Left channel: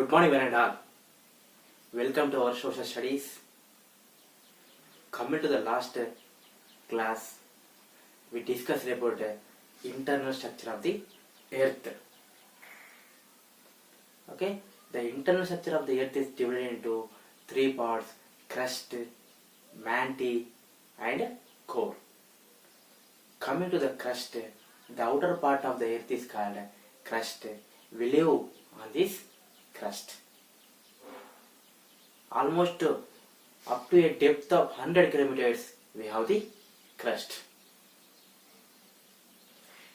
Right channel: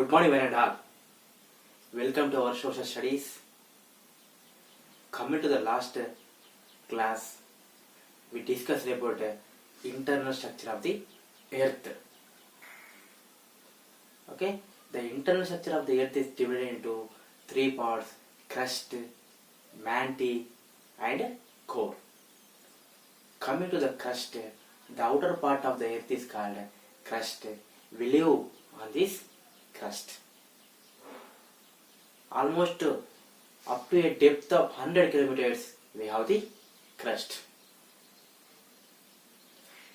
Good morning, one and all. Welcome to our social studies. Coming to the last class, we discussed about the internal structure of the Earth. Okay, the internal structure of the Earth is divided into three parts: crust, mantle, and core. Coming to the crust, the outer part of the Earth is called crust. We live on this crust. Almost up to a depth of 100 kilometers, we have the crust.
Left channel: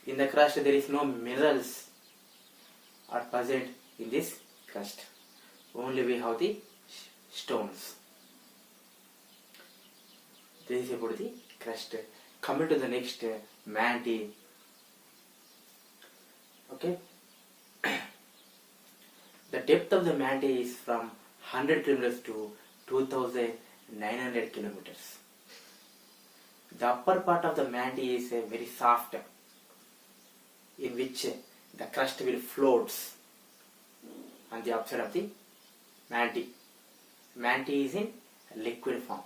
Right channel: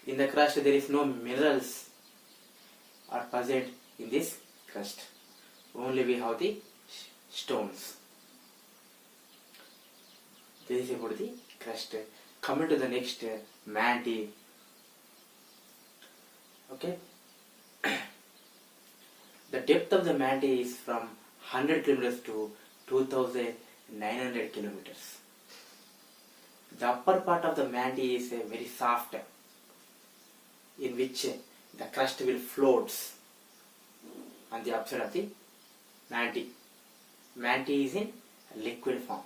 In the crust, there is no minerals are present in this crust. Only we have the stones. This is about the crust. Coming to the next, mantle. Okay. The depth of the mantle is from 100 kilometers to 2,900 kilometers. The upper part of the mantle is very soft, in which the crust will float on the upside of the mantle. Mantle is in liquid form.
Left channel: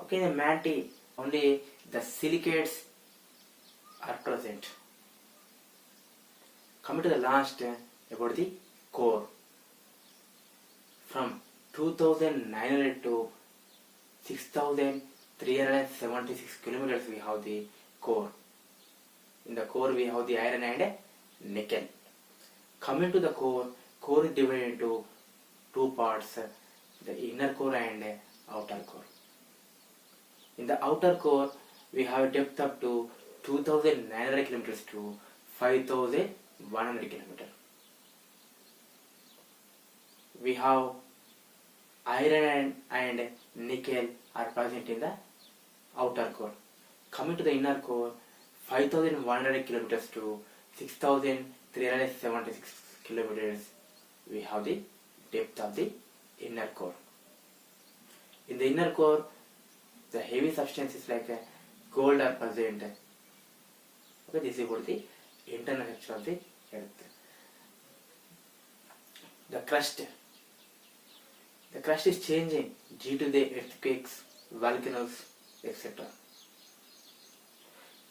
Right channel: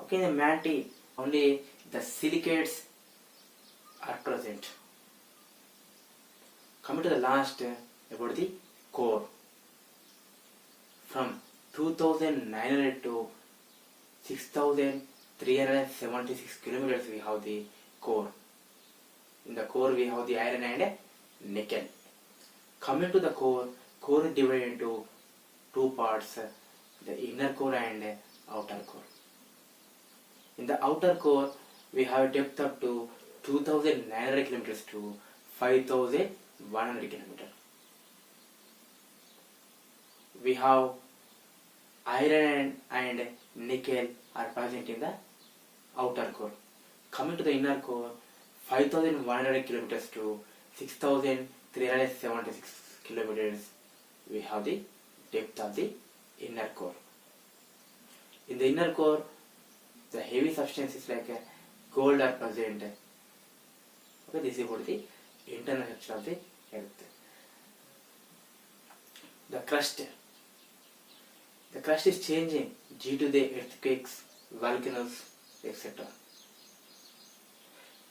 Okay, in the mantle, only the silicates are present. Coming to the last, about the core. From 2,900 to 6,376 kilometers, we have the core. In the core, we have the iron and nickel. Coming to the core is divided into two parts: the inner core and outer core. In the outer core, we have a depth up to 2,900 kilometers to 5,100 kilometers. We have iron and nickel are present in the outer core. Coming to the inner core, 5,100 kilometers to 6,376 kilometers, we have the depth of the inner core. In the inner core, the heavy substances like gold are present. Okay, this is about the internal structure of the Earth. The crust. The crust is changing due to the earthquakes, volcanoes, etc.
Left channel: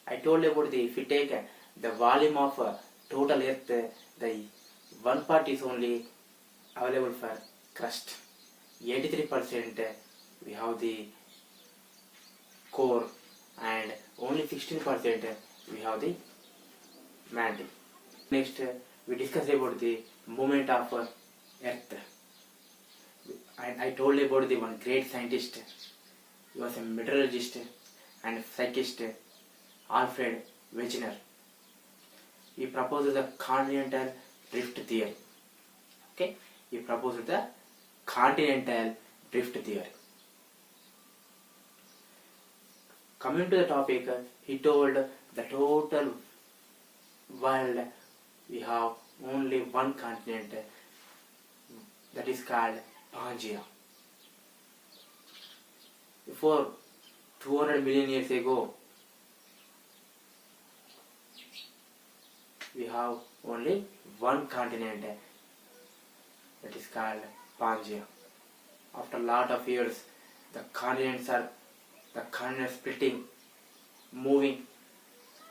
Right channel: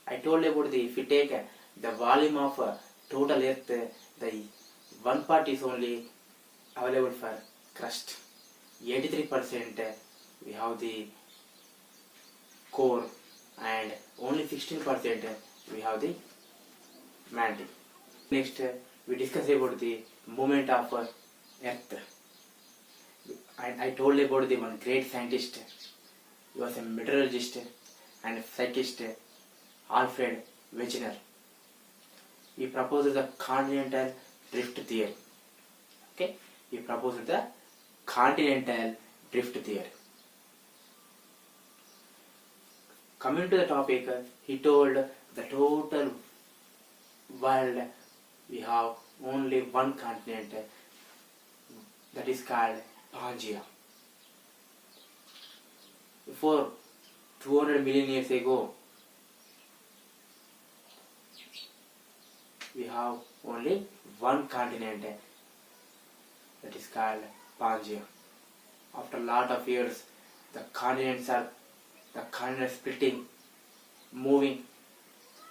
I told you about if you take the volume of total Earth, the one part is only available for crust. 83% we have the core, and only 16% we have the mantle. Next, we discuss about the movement of Earth. I told you about the one great scientist. He was a meteorologist and psychist, Alfred Wegener. He proposed the continental drift theory. Okay, he proposed the continental drift theory. Coming to the topic, he told the total world we have only one continent, that is called Pangea. Before 200 million years ago, we have only one continent, that is called Pangea. After a lot of years, the continents splitting, moving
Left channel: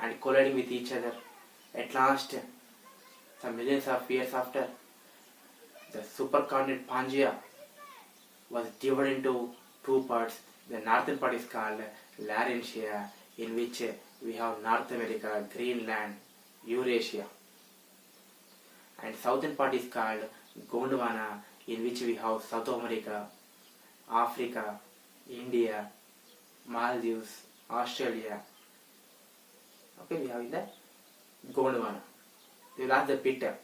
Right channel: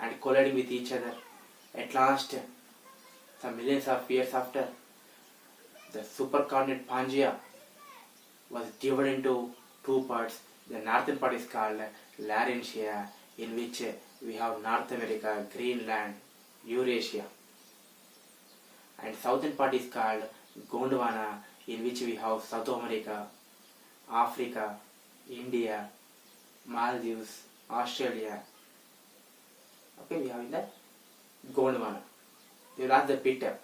and colliding with each other. At last, some millions of years after, the supercontinent Pangea was divided into two parts. The northern part is called Laurentian, in which we have North America, Greenland, Eurasia. And southern part is called Gondwana, in which we have South America, Africa, India, Maldives, Australia. Okay, we have in the Gondwana. They will ask the bit.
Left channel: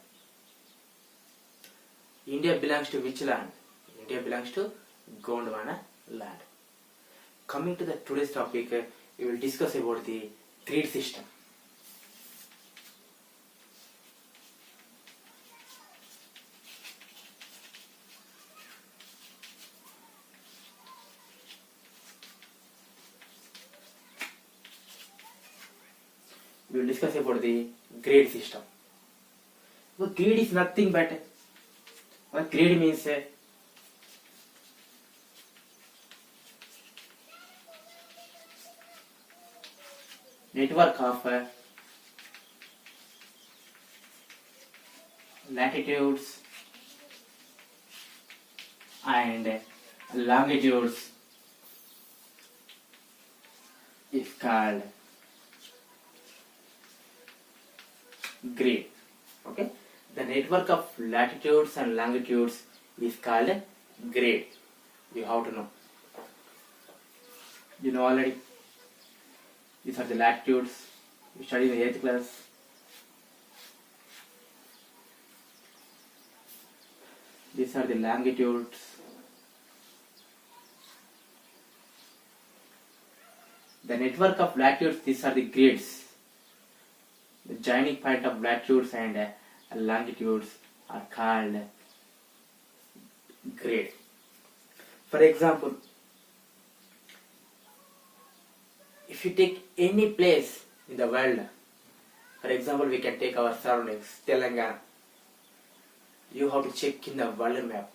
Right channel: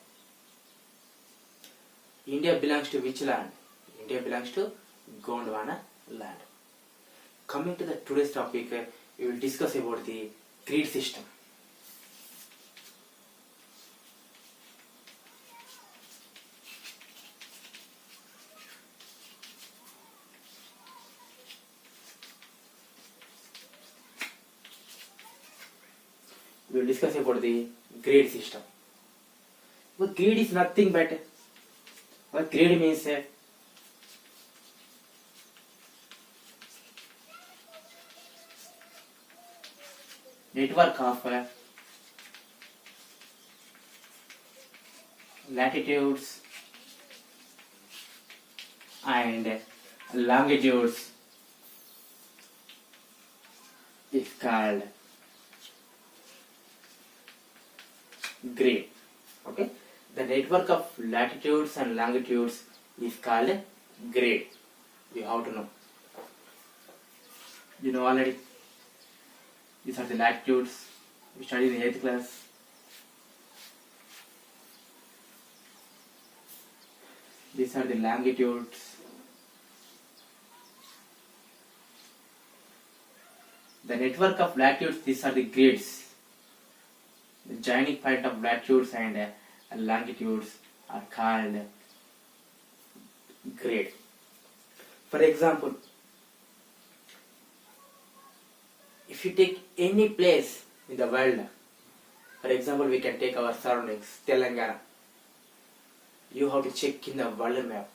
India belongs to which land? India belongs to Gondwana land. Coming to the today's topic, we will discuss about the grid system. We will discuss about the grade system. Well, grid is nothing but grid means network of latitudes and longitudes is called grid. Okay, the network of latitudes and longitudes is called grid. You have to know. You know already. These are the latitudes. You studied in 8th class. These are the longitudes. The network of latitudes, these are the grids. The joining point of latitudes and longitudes are called grid. For example, if you take any place in the world, for example, we can take our surroundings, Telangana. You have to check in the world map.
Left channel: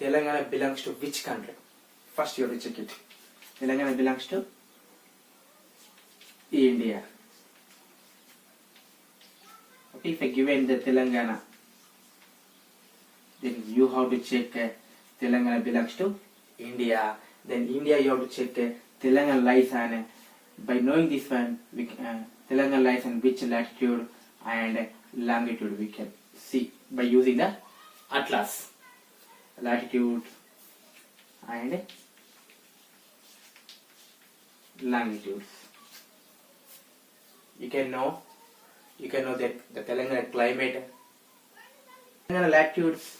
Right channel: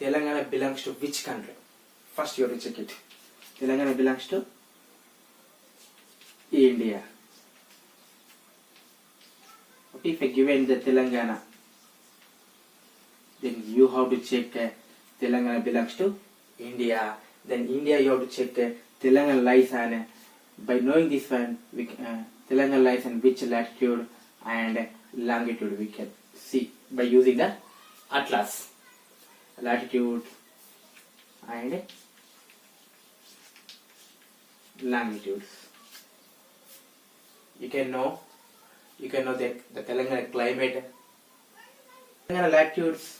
Telangana belongs to which country? First you have to check it. Telangana belongs to India. Okay, if I given the Telangana, then you have to check Telangana belongs to India. Then India you have to check Telangana lies on. By knowing this one, we Telangana lies on which latitude and longitude we can see by using the atlas. Latitude and longitudes. You can know that the Telangana climate. Telangana latitudes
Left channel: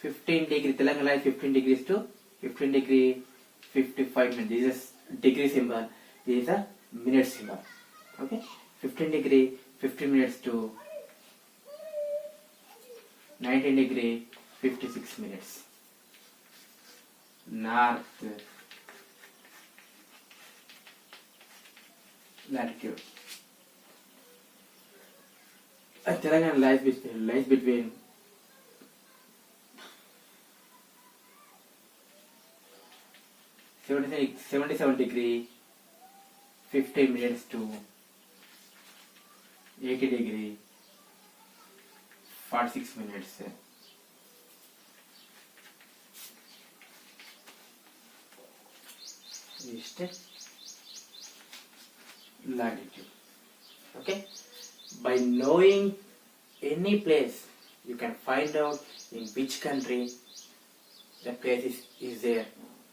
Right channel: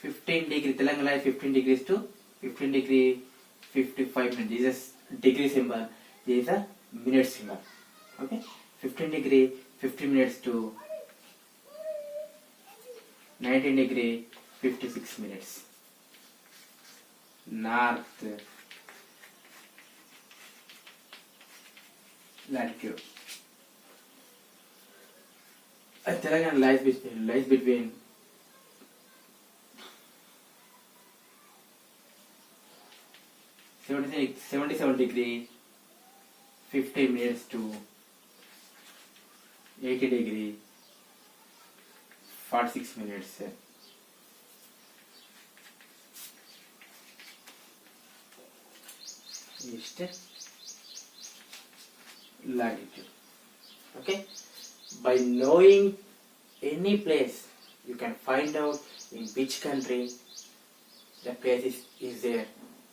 15 degree. Telangana lies 15 degrees to 15 degree 55 minutes. This is degree symbol. This is a minute symbol. Okay, 15 degree 50 minutes to 19 degree 56 minutes. North latitude. Telangana lies between 77 degree 15 minutes to 80 degree 46 minutes. East latitude. Okay, by knowing any place, you can find out in which country the place is there,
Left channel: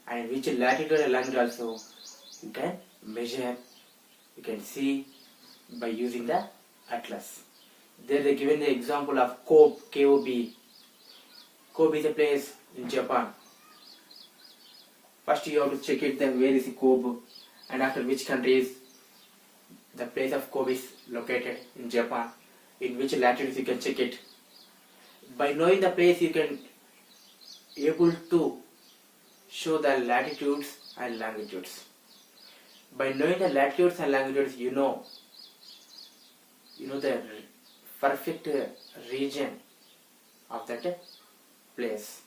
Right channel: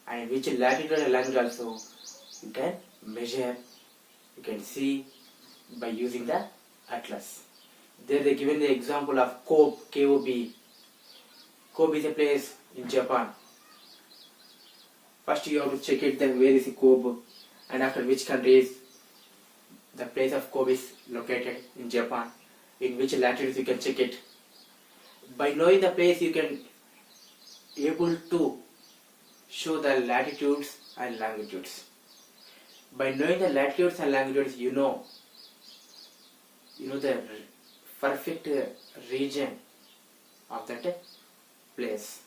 and which latitude and longitude also you can measure, you can see by using the atlas. There they given the example of Kobe, K-O-B. Kobe is a place in Japan. First you have to check it then where is Kobe, and after which country is the place of Kobe is located in Japan. In which latitudes you can check it. By knowing the place you can able to show the latitudes and longitudes. By knowing the latitudes and longitudes, you know the perfect region of that place.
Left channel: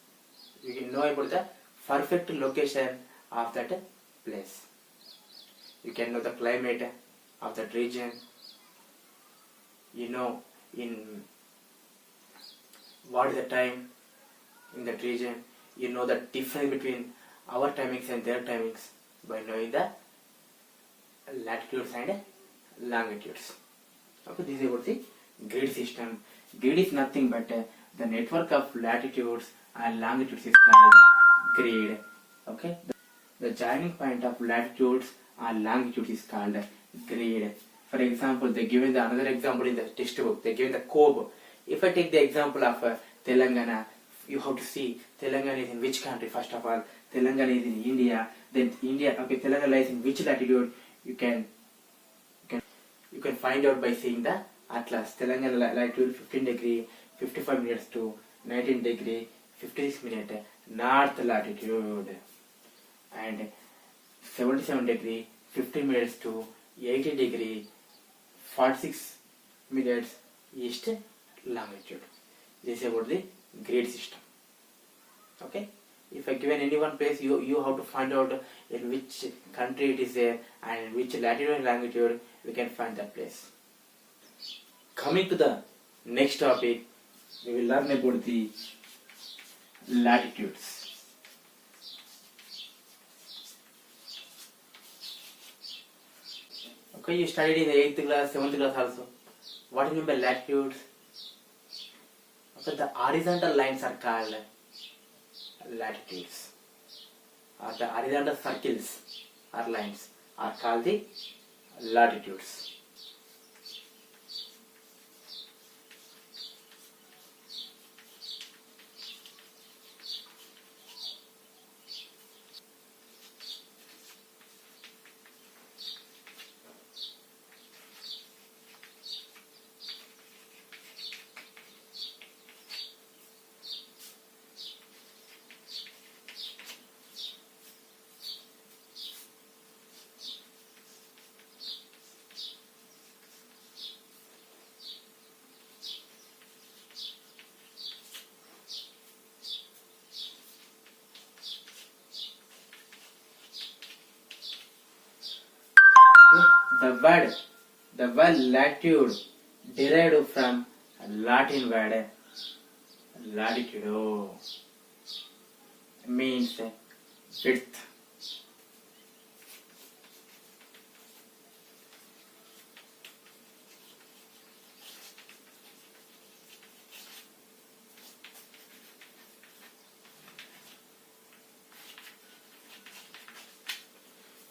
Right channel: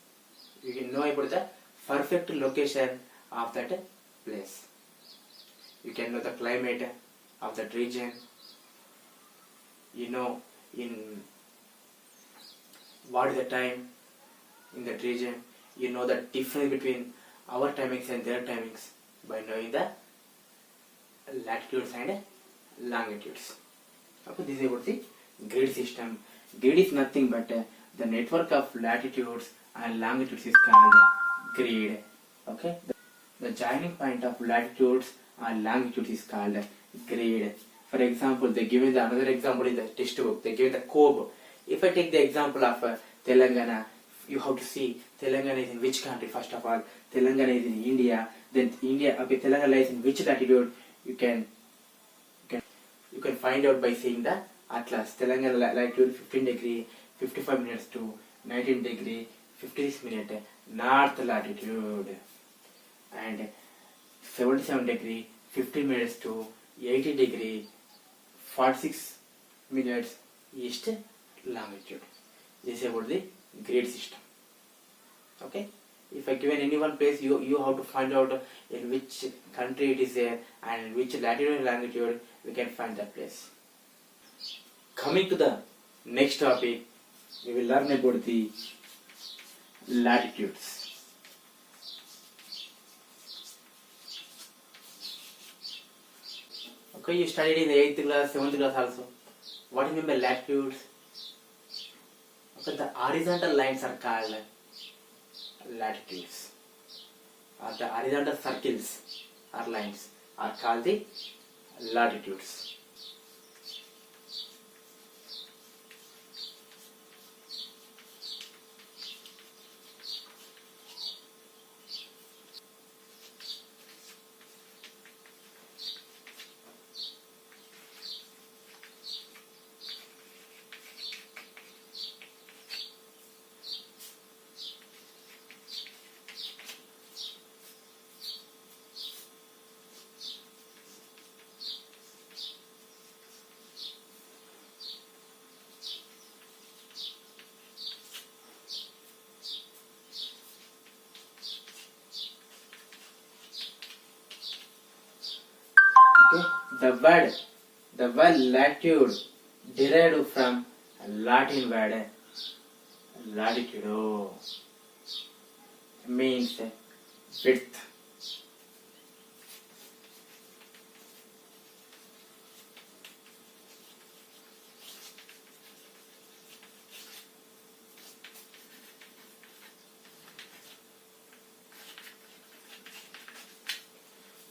You can know about the perfect location of that place. You can know the climate of that region. You know in what is the time in that region. You know the difference between our timings and their timings by knowing the latitudes and longitudes. Okay, this is about the grid system. Grid is nothing but the network of latitudes and longitudes is called grid. Okay, the joining point of latitudes and longitudes is called grid. For example, they given the another example in the textbook. They given the Kobe. If I take the example of Telangana, you have to see Telangana is in which country. First of all, Telangana is in India. Then India. Okay, Telangana lies in which latitude? You can find out by seeing the atlas. Telangana latitude 15 degree 55 minutes to 19 degree 56 minutes north latitude, and 77 degree 50 minutes to 80 degree 46 means east longitude. This is about the grid system. Okay, if I given any one place, you have to find out in which country it is there and in which latitude and longitude we can find that place. Coming to the next topic, we will learn about the latitudes. Okay, you studied in the 8th class, 7th class also. What do you mean by latitudes? Okay, the horizontal lines are called latitudes. Or the horizontal circles or lines are called the latitudes. Okay, the word latitude derived from Latin word latitudo means width.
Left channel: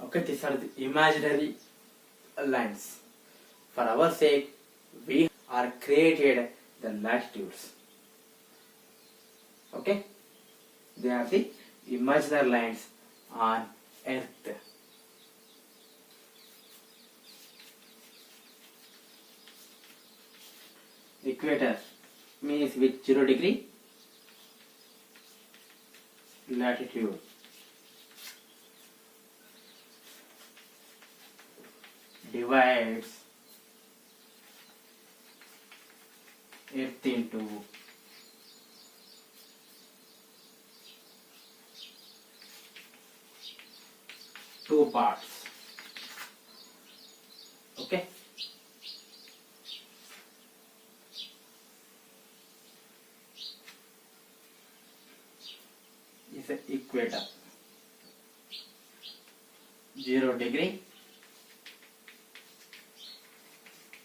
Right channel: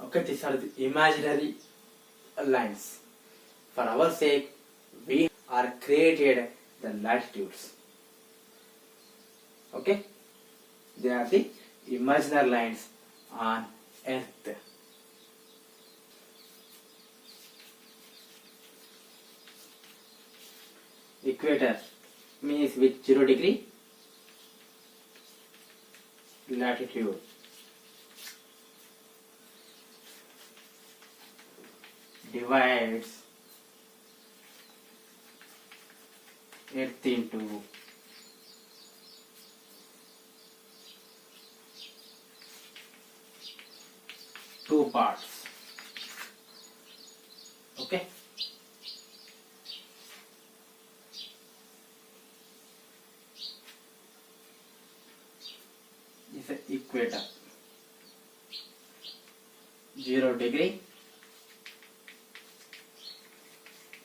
Okay, these are the imaginary lines. For our sake, we are created the latitudes. Okay, they are the imaginary lines on Earth. Equator means with 0 degree latitude. Divides Earth into two parts. Okay. Is the equator. 0 degree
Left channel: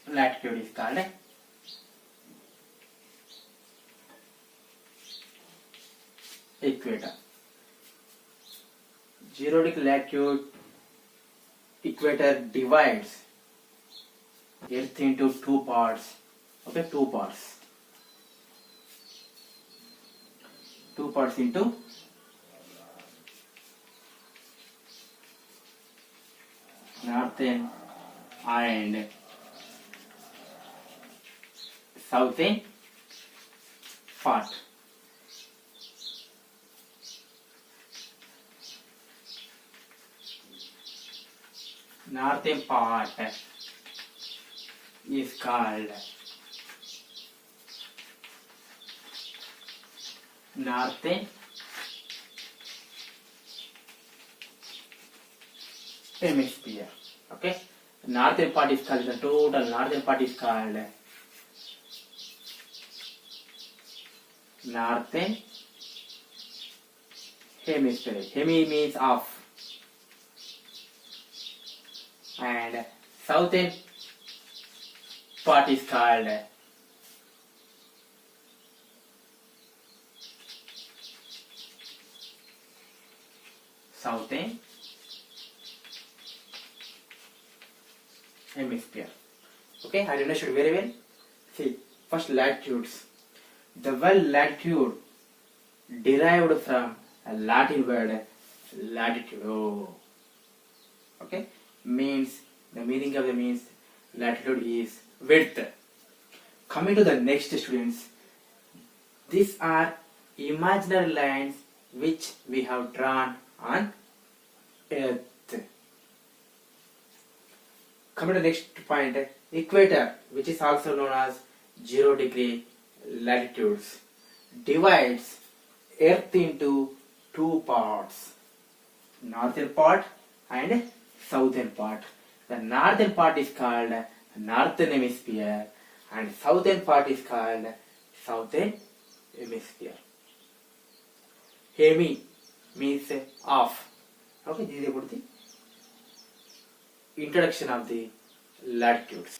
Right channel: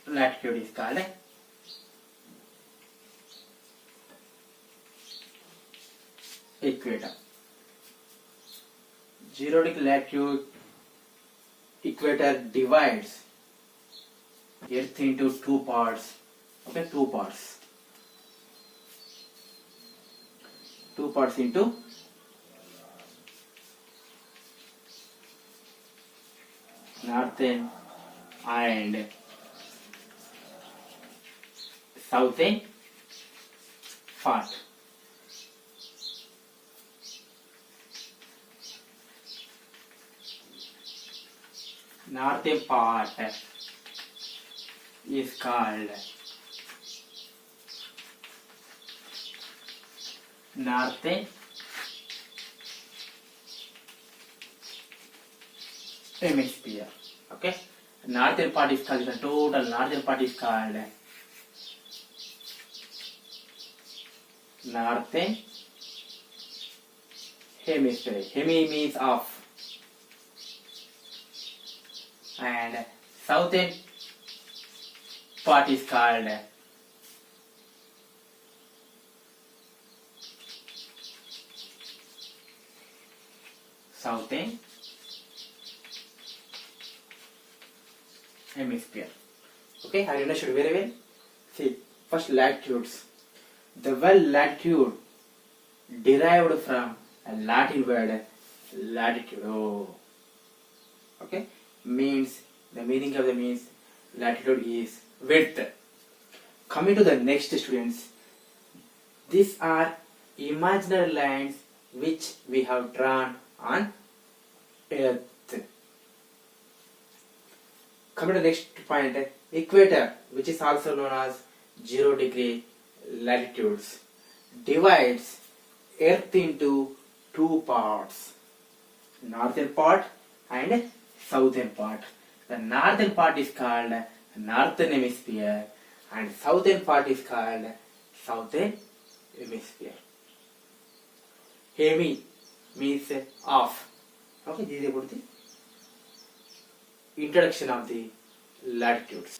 latitude is called equator. 0 degree latitude equator divides Earth into two parts. Okay, two parts. Two parts into northern and southern part. Northern part is called northern hemisphere. Okay, northern part is called, the total northern part is called northern hemisphere. Hemi means off. And southern part is called southern hemisphere. Okay, I understood very well. See, first latitudes. The word latitude derived from a Latin word latitudo. Okay, means the meaning of the means latitude is width. Coming to the next, students, these are imaginary lines which we have drawn on Earth. Coming to the next point, Equator, which is also known as 0 degree latitudes, divides Earth into two parts, northern part and southern part. The northern part is called northern hemisphere and southern part is called southern hemisphere. Hemi means off. Okay, this is about the introduction of the latitudes.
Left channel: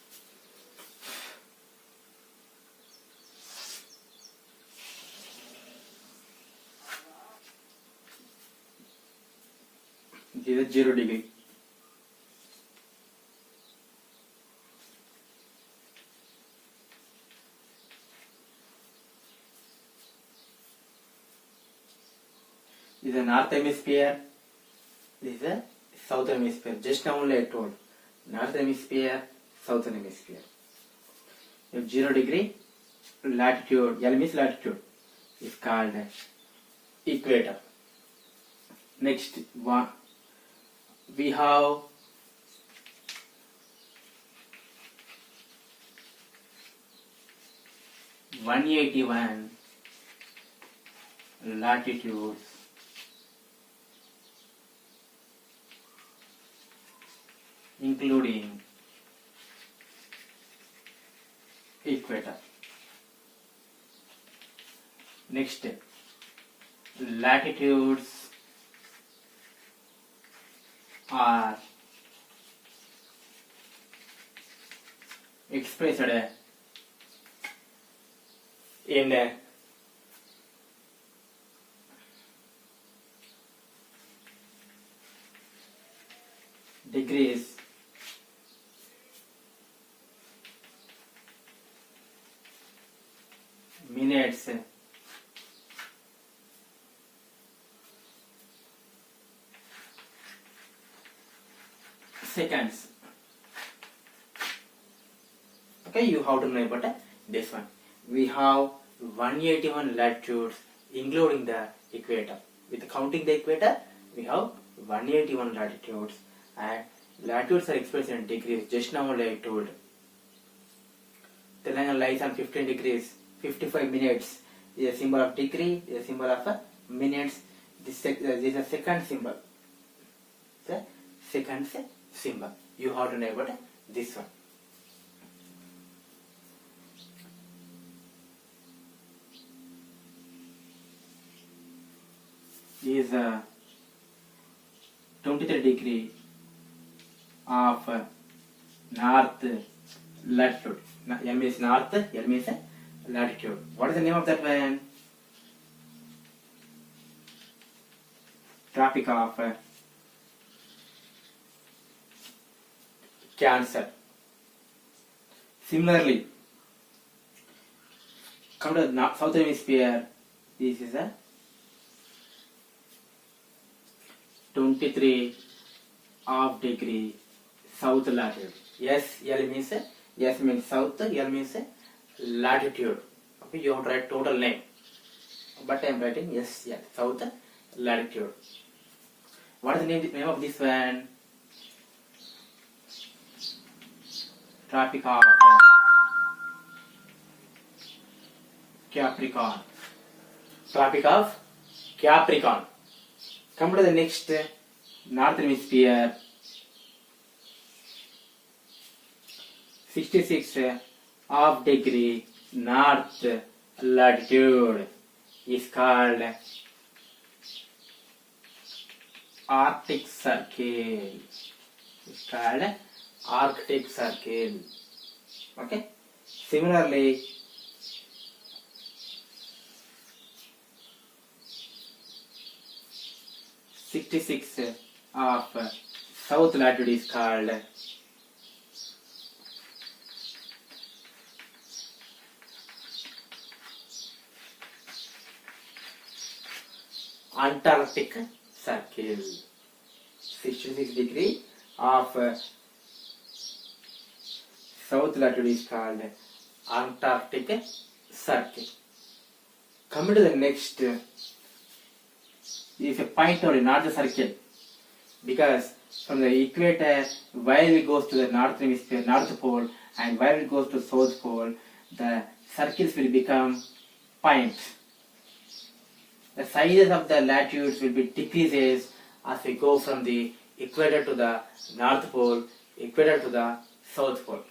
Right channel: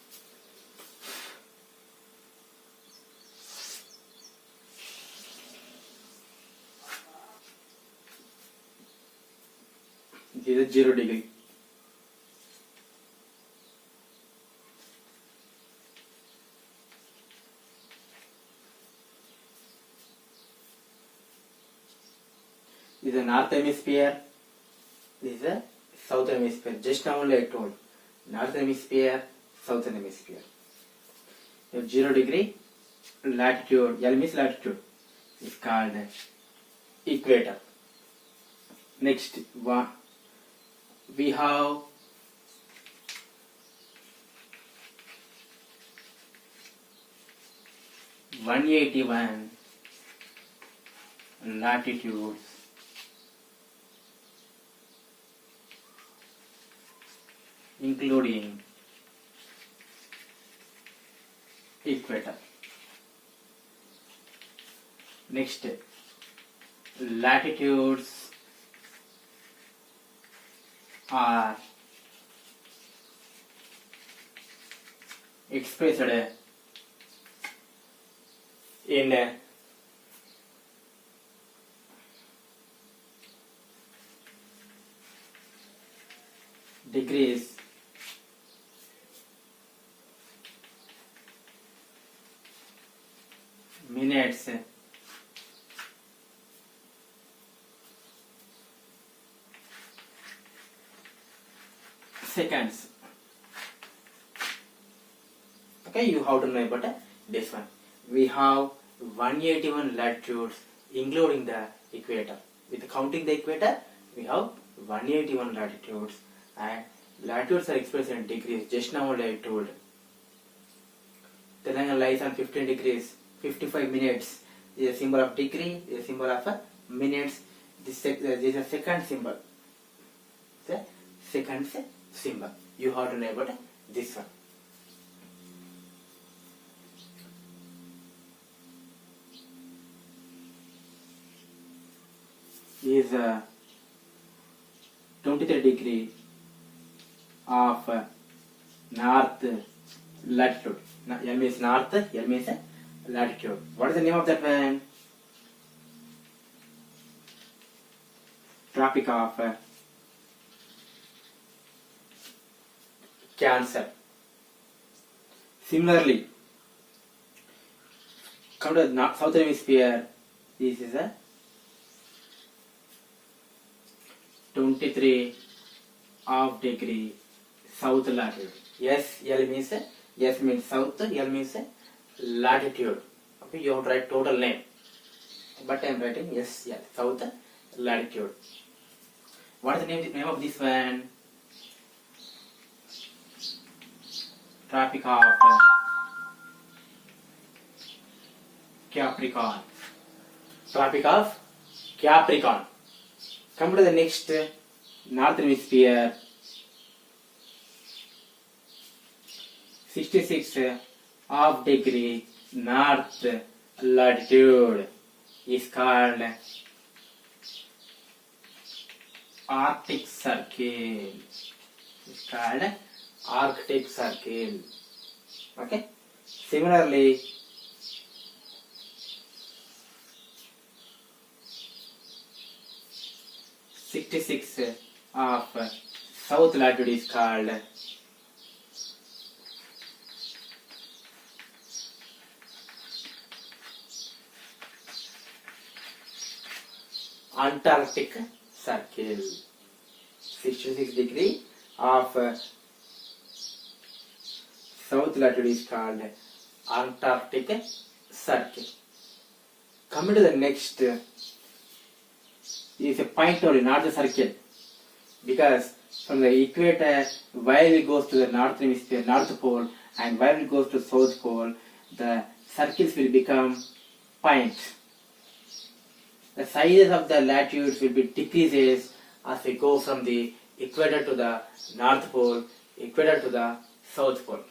This is 0 degree. This is the north hemisphere. This is the southern hemisphere. Just now only I told. Northern hemisphere, southern hemisphere. If 0 degree latitude, L means latitude, is called equator. Next one, we have (181) latitudes, including equator. Next, latitudes are expressed in degrees, minutes, seconds. Okay, you have to know about this one. We have 181 latitudes including the equator. With counting the equator, we have 181 latitudes, and latitudes are expressed in degrees. Just now only I told. Telangana lies on 15 degrees, 55 minutes. Is a symbol of degree, is a symbol of minutes. This is a second symbol. The second symbol. You have to know about this one. Is 23 degree of north latitude. L means north, L means latitude. What is the name of that one? Tropic of Cancer. Similarly, come to the southern hemisphere. This is a 23 of degree south latitude. Yes, L means S means south, L means latitude. Okay, you have to write total name, but I am writing yes, south latitude. What is the name of this one? Tropic of Capricorn. Tropic of Capricorn. Come to the next northern hemisphere. 66 of degree north latitude is called Arctic Circle. It's called Arctic Circle. Okay. Similarly, (66) of south latitude is called Antarctic Circle. 66 degree of south latitude is called Antarctic Circle. Coming to the next, is a point only, not the circle, because from the equator, while it goes to the north hemisphere, north pole, and while it goes to South Pole, the circles will become points. The sizes of the latitudes will be decreases as we go from the equator to the North Pole, equator to the South Pole.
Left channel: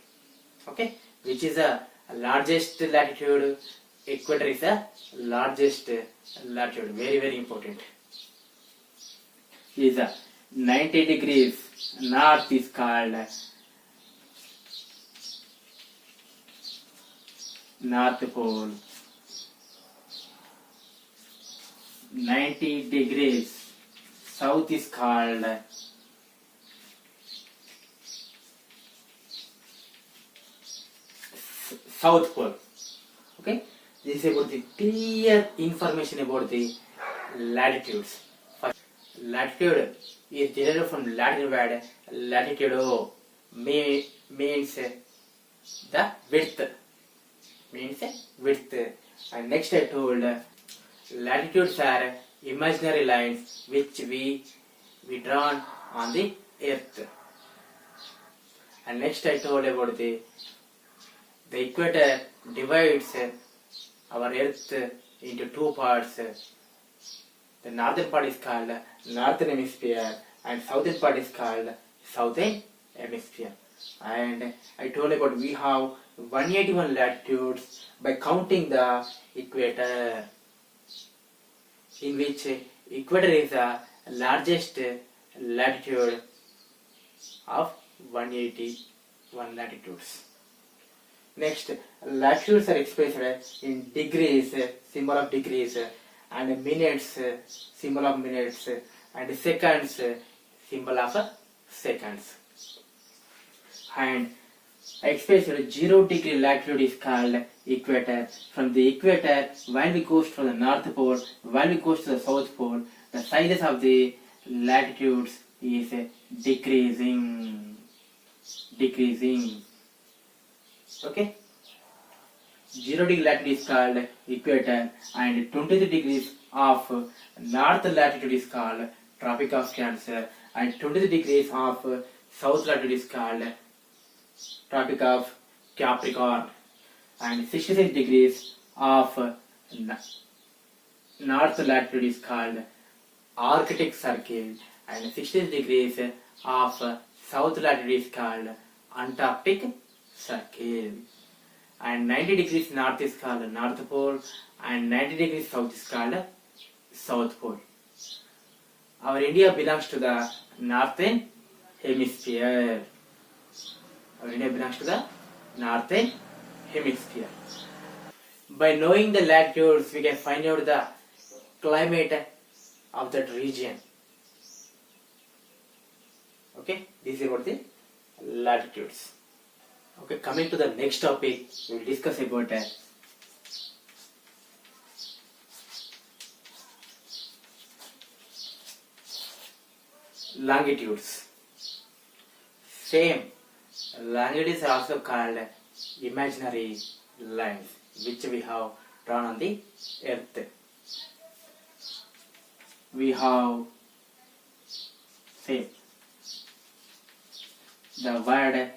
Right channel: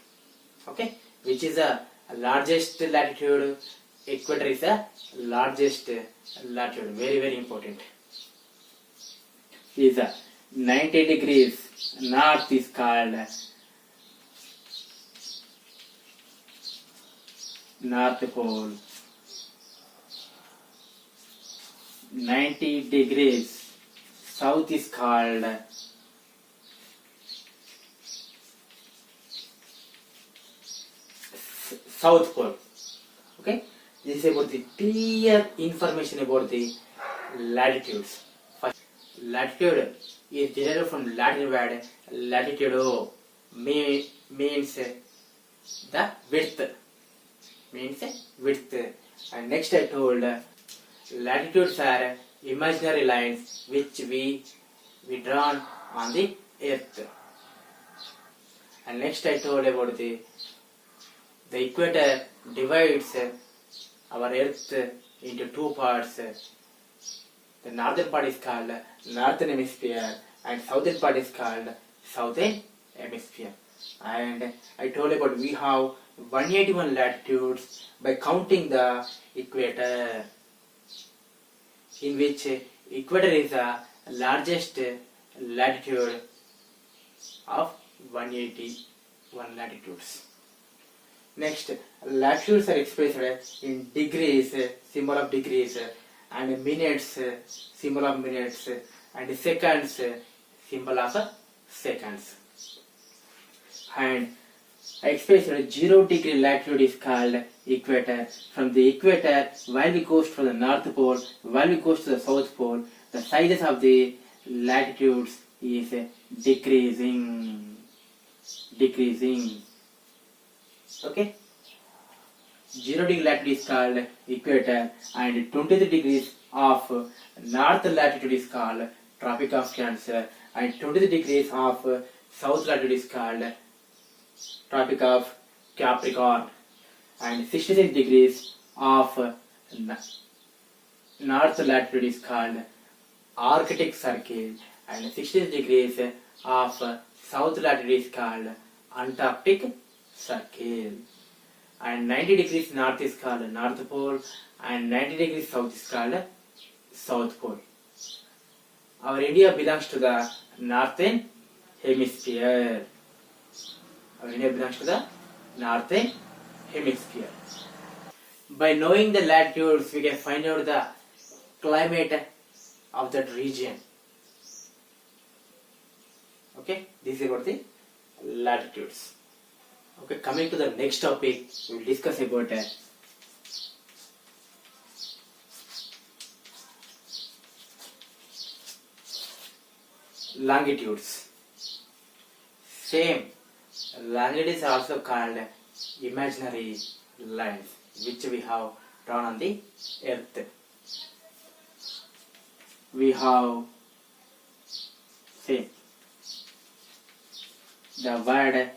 Okay, which is the largest latitude? Equator is the largest latitude. Very, very important. Is 90 degrees north is called North Pole. 90 degrees south is called South Pole. Okay, this is about the clear information about the latitudes. First, latitude is derived from Latin word latitudo, means the width. Means width. And next I told latitudes are imaginary lines which we drawn on the earth. And next I told about the equator divides our earth into two parts. The northern part is called northern hemisphere and southern part is called southern hemisphere. And I told about we have 181 latitudes by counting the equator, in which equator is the largest latitude of 181 latitudes. Next, latitudes are expressed in degrees, symbol of degrees, and minutes, symbol of minutes, and seconds, symbol of seconds. And I expressed 0 degree latitude is called equator. From the equator, while we goes to the North Pole, while we goes to the South Pole, the sizes of the latitudes is decreasing. Okay? 0 degree latitude is called equator, and 23 degrees of north latitude is called Tropic of Cancer, and 23 degrees of south latitude is called Tropic of Capricorn, and 66 degrees of north latitude is called Arctic Circle, and 66 degrees of south latitude is called Antarctic Circle, and 90 degrees north is called North Pole, and 90 degrees south is called South Pole. Our India belongs to the northern hemisphere. Our India belongs to the northern hemisphere. By knowing the latitudes, we can find out the climate of that region. Okay, this is about the latitudes. Okay, coming to the next topic, we will discuss about longitudes. Same, longitudes are also called imaginary lines which we have drawn on the earth. We have same the word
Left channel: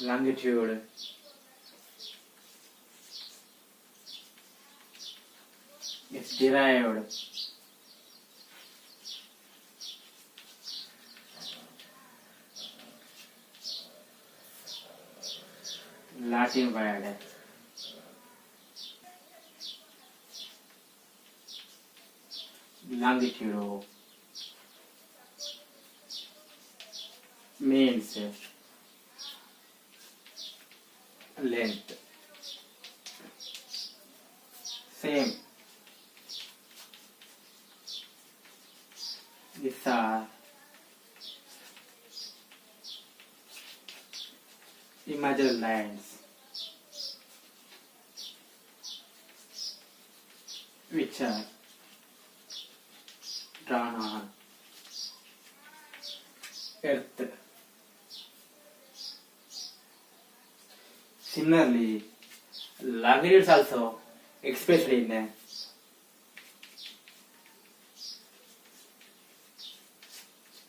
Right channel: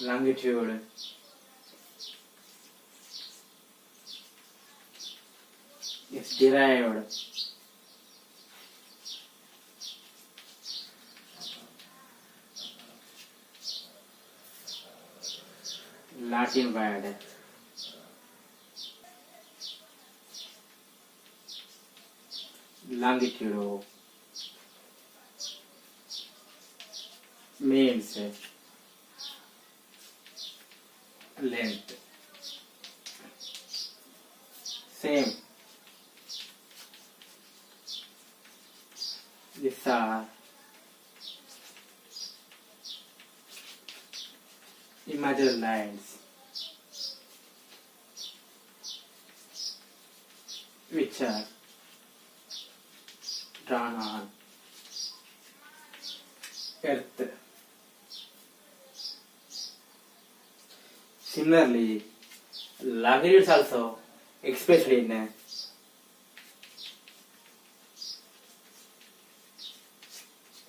longitude is derived Latin word longitude means length. Same. These are imaginary lines which are drawn on earth. Similarly, longitudes also expressed in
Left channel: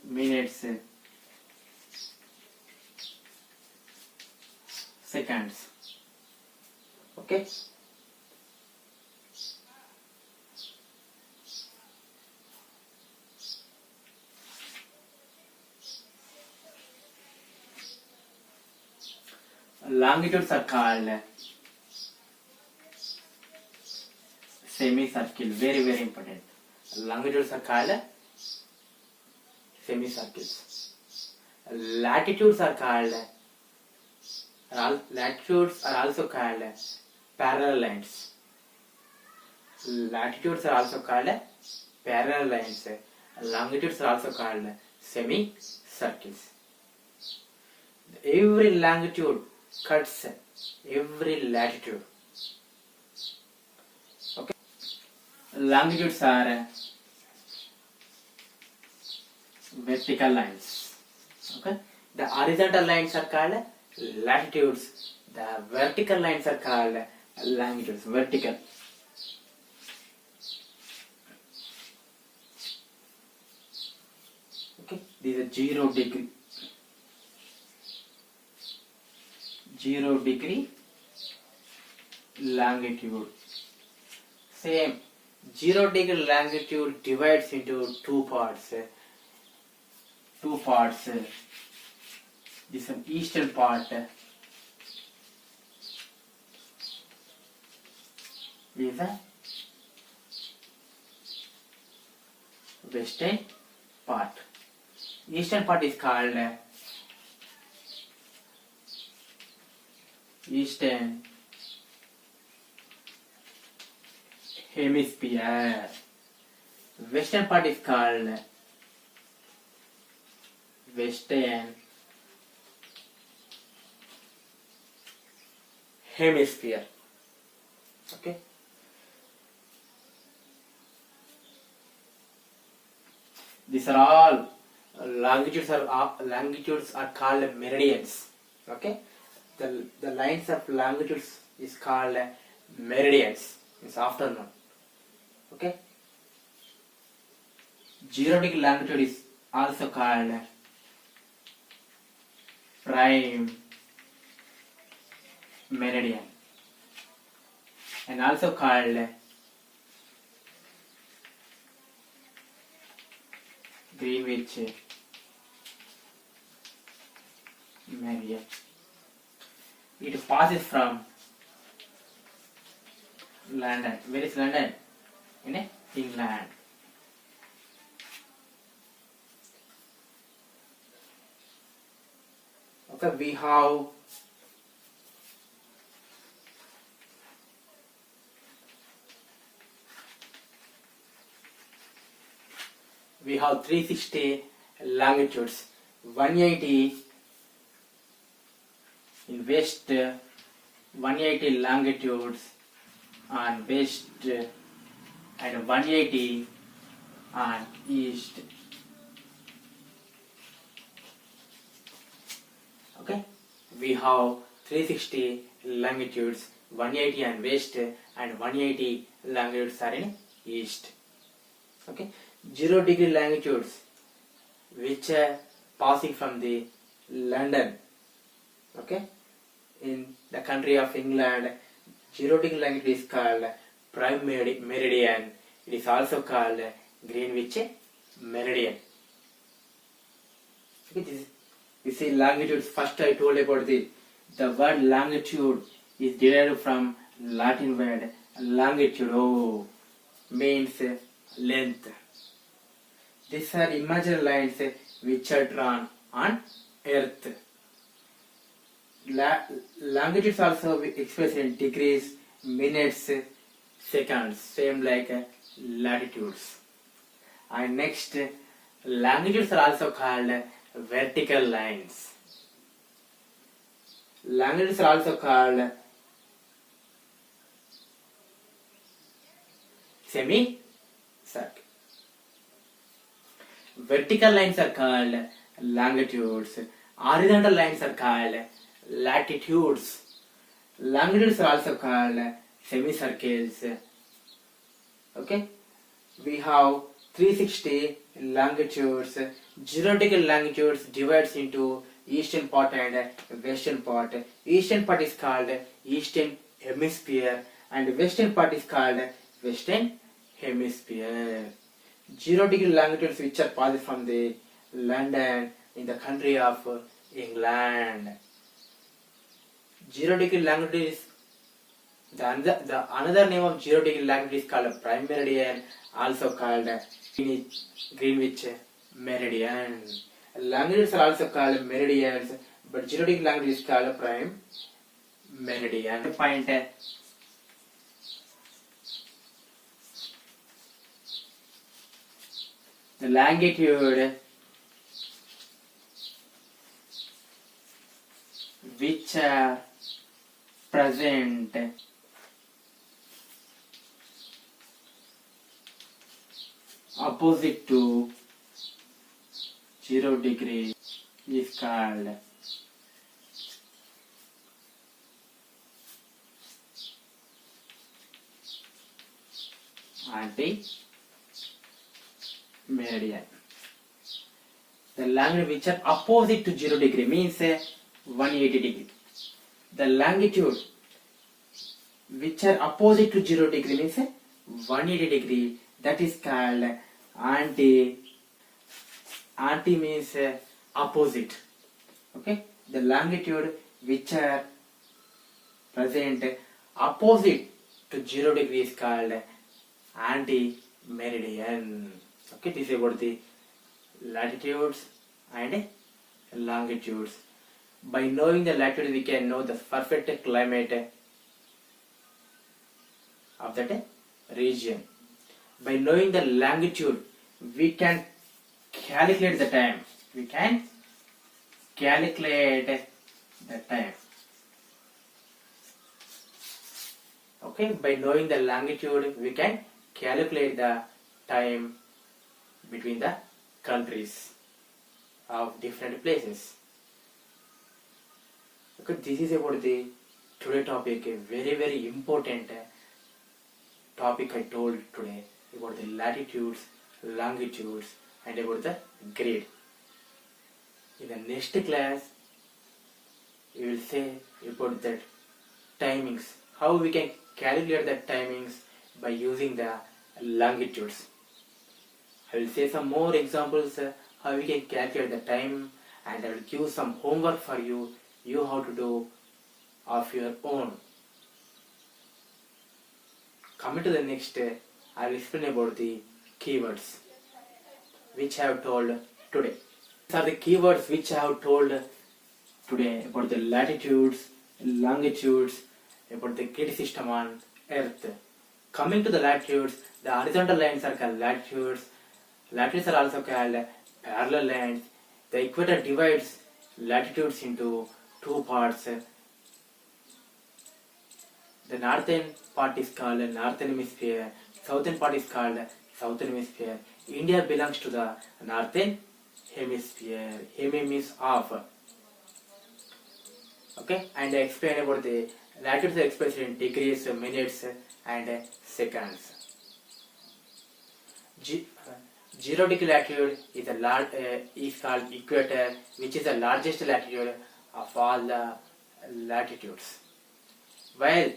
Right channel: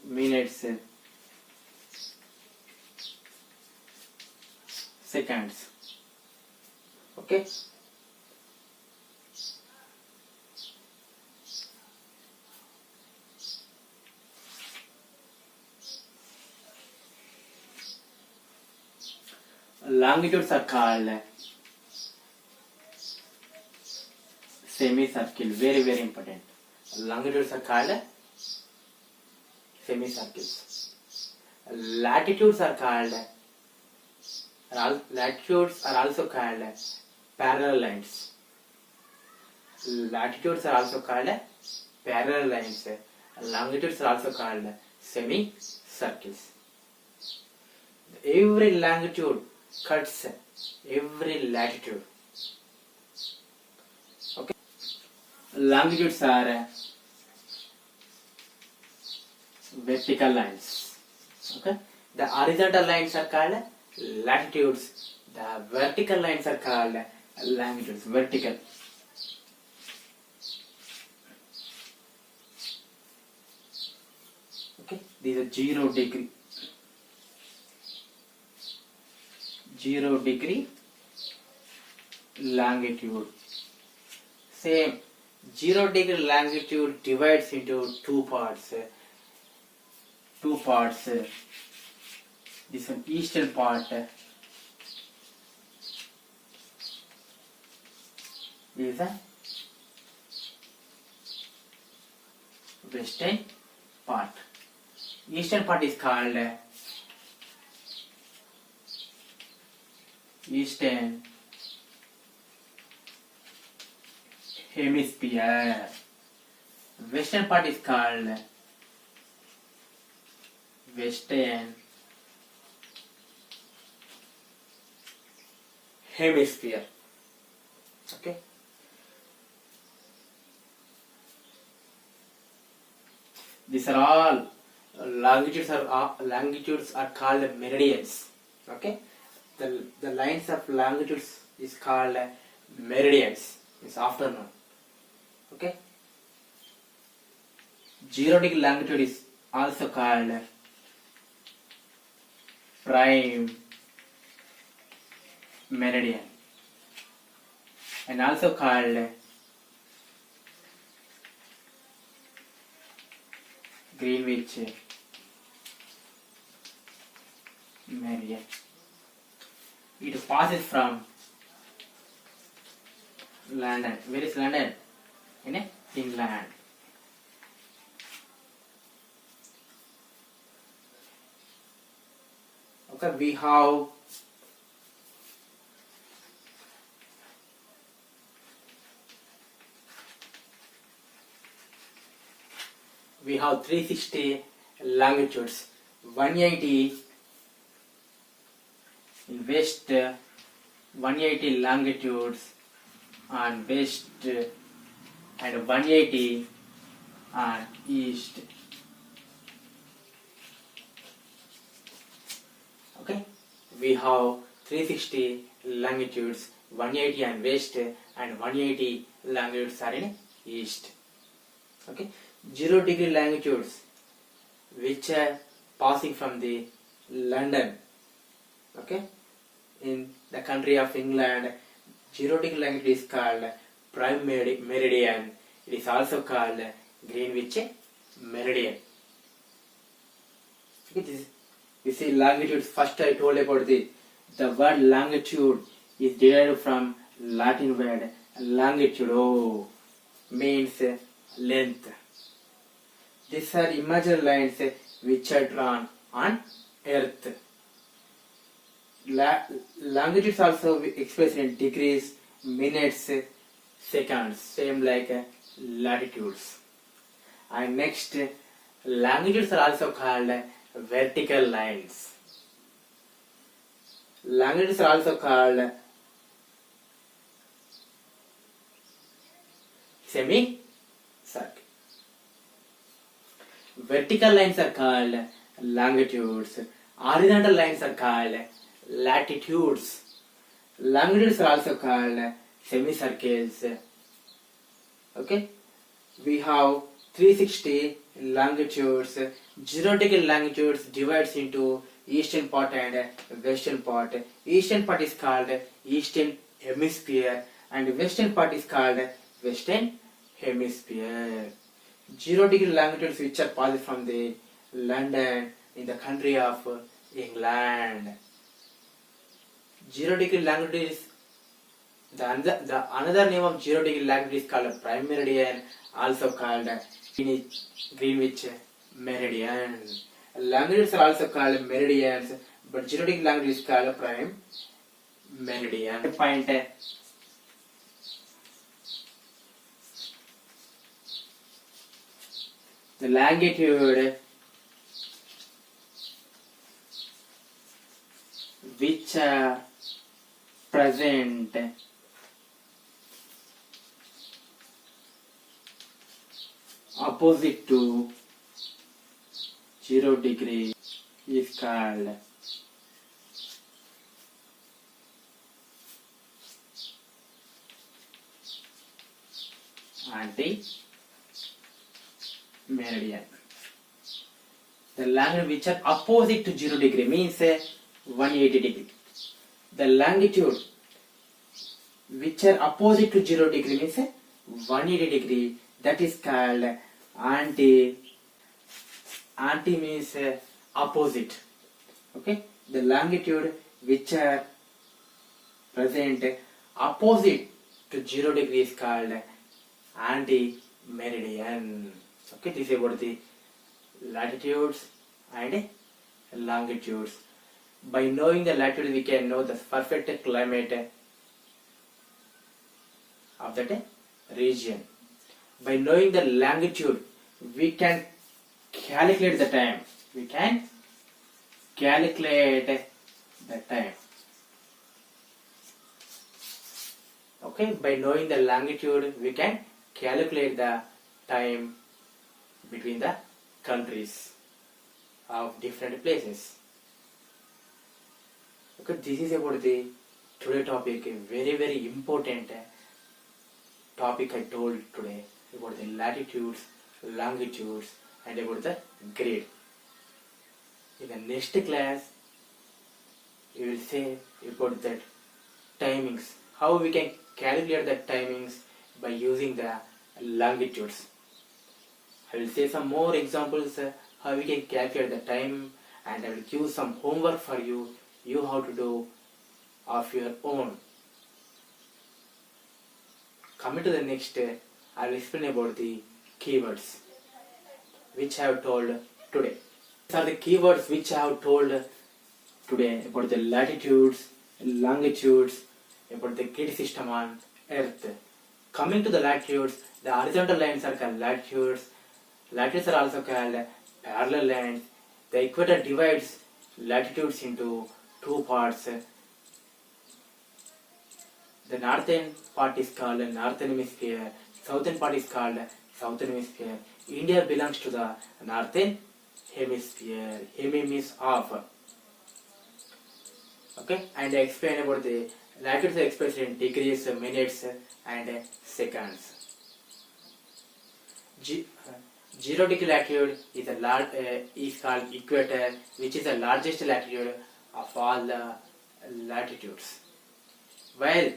minutes, seconds. Okay. Longitudes are called semicircle. Very, very important. Longitudes are called semicircles. Latitudes are also called parallel lines. Latitudes are also called parallel lines. Longitudes are also called semicircles. Every longitude cuts every latitude. Okay. Longitudes are vertical lines. Okay. The horizontal lines are called latitudes. The vertical lines are called longitudes. Vertical. Okay. These are 0 degree. 0 degree longitude. Same. 0 degree longitude divides into two parts. This one eastern part is the western part. Eastern part is called Eastern Hemisphere. Western part is called Western Hemisphere. Okay. These are all longitudes are called meridians. Okay. The lines of longitudes is called meridians. It's afternoon. Okay. 0 degree longitude is also called prime meridian and also called Greenwich meridian. It passes from London. Where is London? In England. Okay, we have 360 longitudes, 180 in west, 180 longitudes on west and 180 on east. Okay, we have 360 longitudes, 180 on west and 180 longitudes are in east. Okay, 0 degree longitudes which are passing from the London. Okay, in the country of England, 0 degree longitude is called prime meridian. It is also called Greenwich meridian. Okay, you see longitudes. First I told about the word longitude is derived from Latin word longitudo, means length. These are imaginary lines which are drawn on Earth. Longitudes also expressed in degrees, minutes, seconds, same like latitudes. And next, longitudes are also called vertical lines. Longitudes are also called semicircle. Vertical lines are called longitudes. Horizontal lines are called latitudes. Longitudes are also called semicircles. Okay, we have 360 longitudes. 0 degree longitudes divides into eastern part and western part. Eastern part is called eastern hemisphere and western part is called western hemisphere. 0 degree longitudes which are passed from the London in the country of England. 0 degree longitude is the another name of 0 degree longitude is called prime meridian, also called Greenwich meridian. Longitudes are also called meridians, but 0 degree longitude is called prime meridian. Point the longitude which are present opposite to 0 degree is called anti-meridian. The longitude which are opposite to 0 degree means 180 degree. The longitude which are opposite to 0 degree means 180 degree. That is called anti means opposite. Okay. The longitude which are present opposite to 0 degree is called anti-meridian. Okay. This is about the latitudes and longitudes. By knowing the latitude, we can know the perfect climate of that region. By knowing the longitude, we can calculate the time. We can calculate the time. Okay, by knowing the longitude, we can calculate the time between the countries of different places. Okay, this is about the today topic, a very important topic I told today about the latitudes, longitudes and about the grade. In the next class, we will say about the timings, how we can calculate the timings by using the longitudes. I will say some more examples how we can calculate the time, and I will give some homework for you. You have to do of your own. Coming to the next, I will explain about the keywords which I have told today. These are the keywords which I have told today about the latitudes, longitudes, about the grid system on Earth. Coming to the latitudes, the horizontal lines are called latitudes. Latitudes are also called parallel lines. The equator divides latitudes into two parts. The northern part is called northern hemisphere, southern part is called southern hemisphere. India belongs to the northern hemisphere. Hemi means half. Okay, and I explain about the latitudes are expressed in degrees, minutes, and seconds. 0 degree latitude is called equator, which is the largest latitude of all the latitudes. While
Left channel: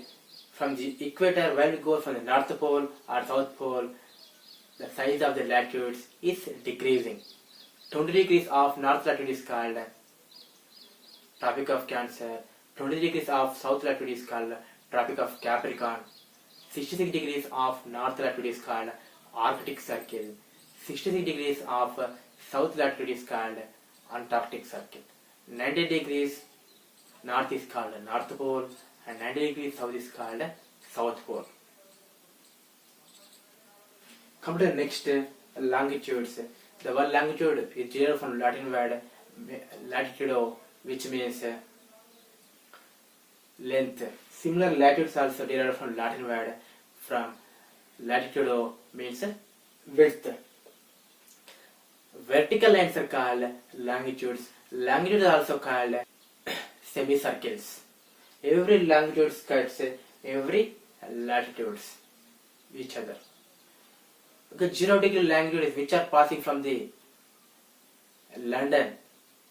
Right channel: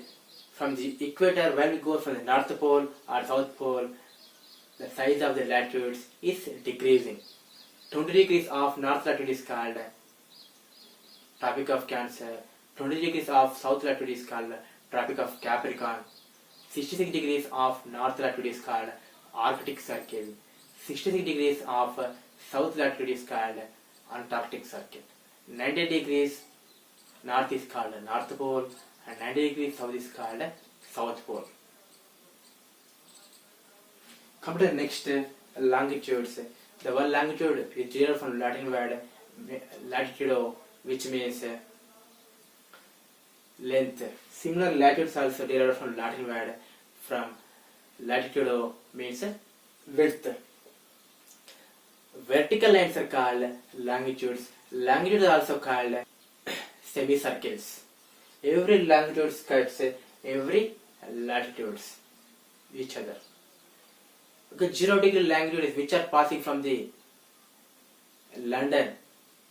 from the equator, when we go from the North Pole or South Pole, the size of the latitudes is decreasing. 20 degrees of north latitude is called Tropic of Cancer. 20 degrees of south latitude is called Tropic of Capricorn. 66 degrees of north latitude is called Arctic Circle. 66 degrees of south latitude is called Antarctic Circle. 90 degrees north is called North Pole and 90 degrees south is called South Pole. Come to the next longitudes. The word longitude is derived from Latin word latitudo, which means length. Similar latitudes also derived from Latin word from latitudo means width. Vertical lines are called longitudes. Longitudes are also called semicircles. Every longitude cuts every latitudes each other. Okay, 0 degree longitudes which are passing from the London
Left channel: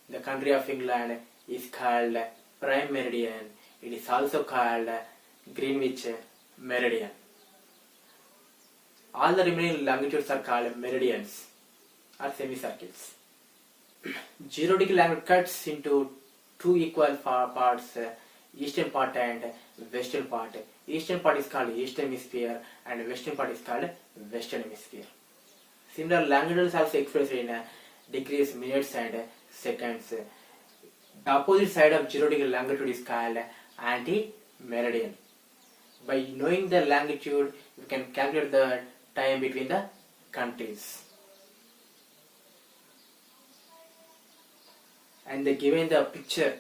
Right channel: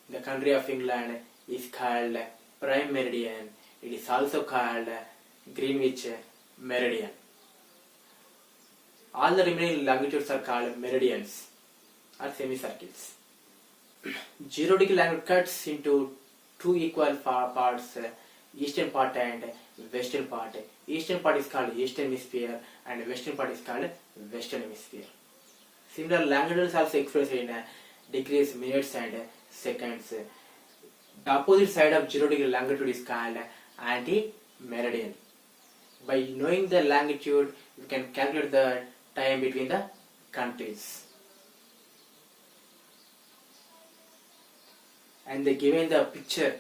The country of England is called Prime Meridian. It is also called Greenwich Meridian. All the remaining longitudes are called meridians or semicircles. 0 degree longitude cuts into two equal parts, eastern part and western part. Eastern part is called eastern hemisphere and western part is called western hemisphere. Similar longitudes also expressed in degrees, minutes and seconds. The opposite side of 0 degree longitude is called anti-meridian. By knowing the longitude, we can calculate the time between the countries. And they given the picture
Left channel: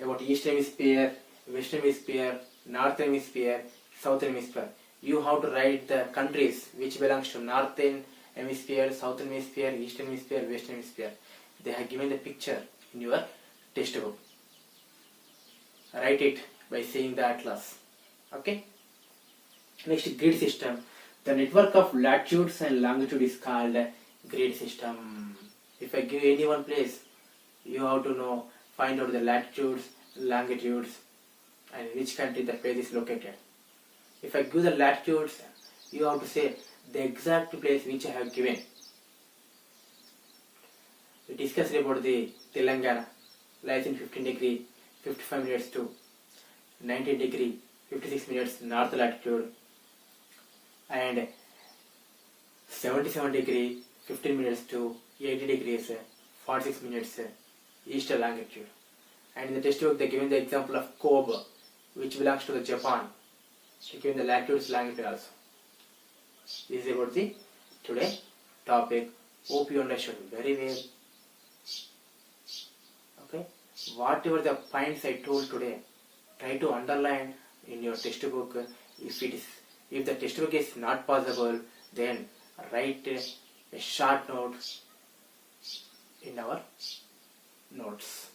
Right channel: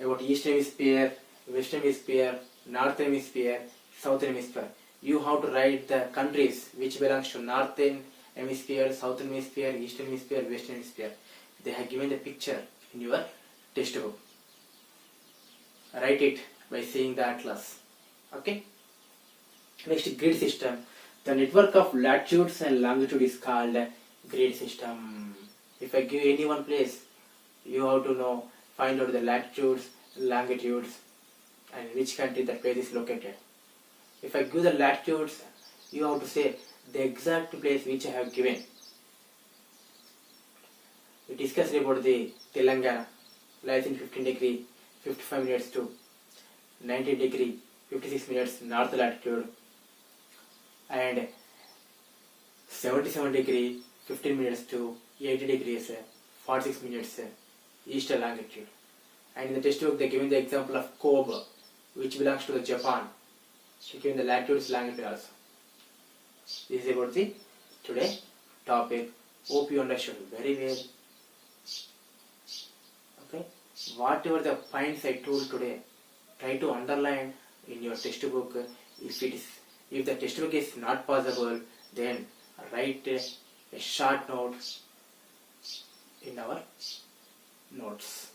about eastern hemisphere, western hemisphere, northern hemisphere, southern hemisphere. You have to write the countries which belongs to northern hemisphere, southern hemisphere, eastern hemisphere, western hemisphere. They have given the picture in your textbook. Write it by seeing the atlas. Okay. Next, grid system. The network of latitudes and longitude is called grid system. If I give any one place, you have to find out the latitudes, longitudes, and which country the place is located. If I give the latitudes, you have to say the exact place which I have given. We discussed about the Telangana, lies in 15 degree 55 minutes to 19 degree 56 minutes north latitude, and 77 degree 15 minutes to 80 degrees 46 minutes east longitude. And in the textbook they given the example of Kobe, which belongs to the Japan. They given the latitudes, longitude also. This is about the today topic. Hope you understood very well. Okay, whatever the points I told today, try to underline in your textbook. If the textbook is not possible, then write a short note in our notes.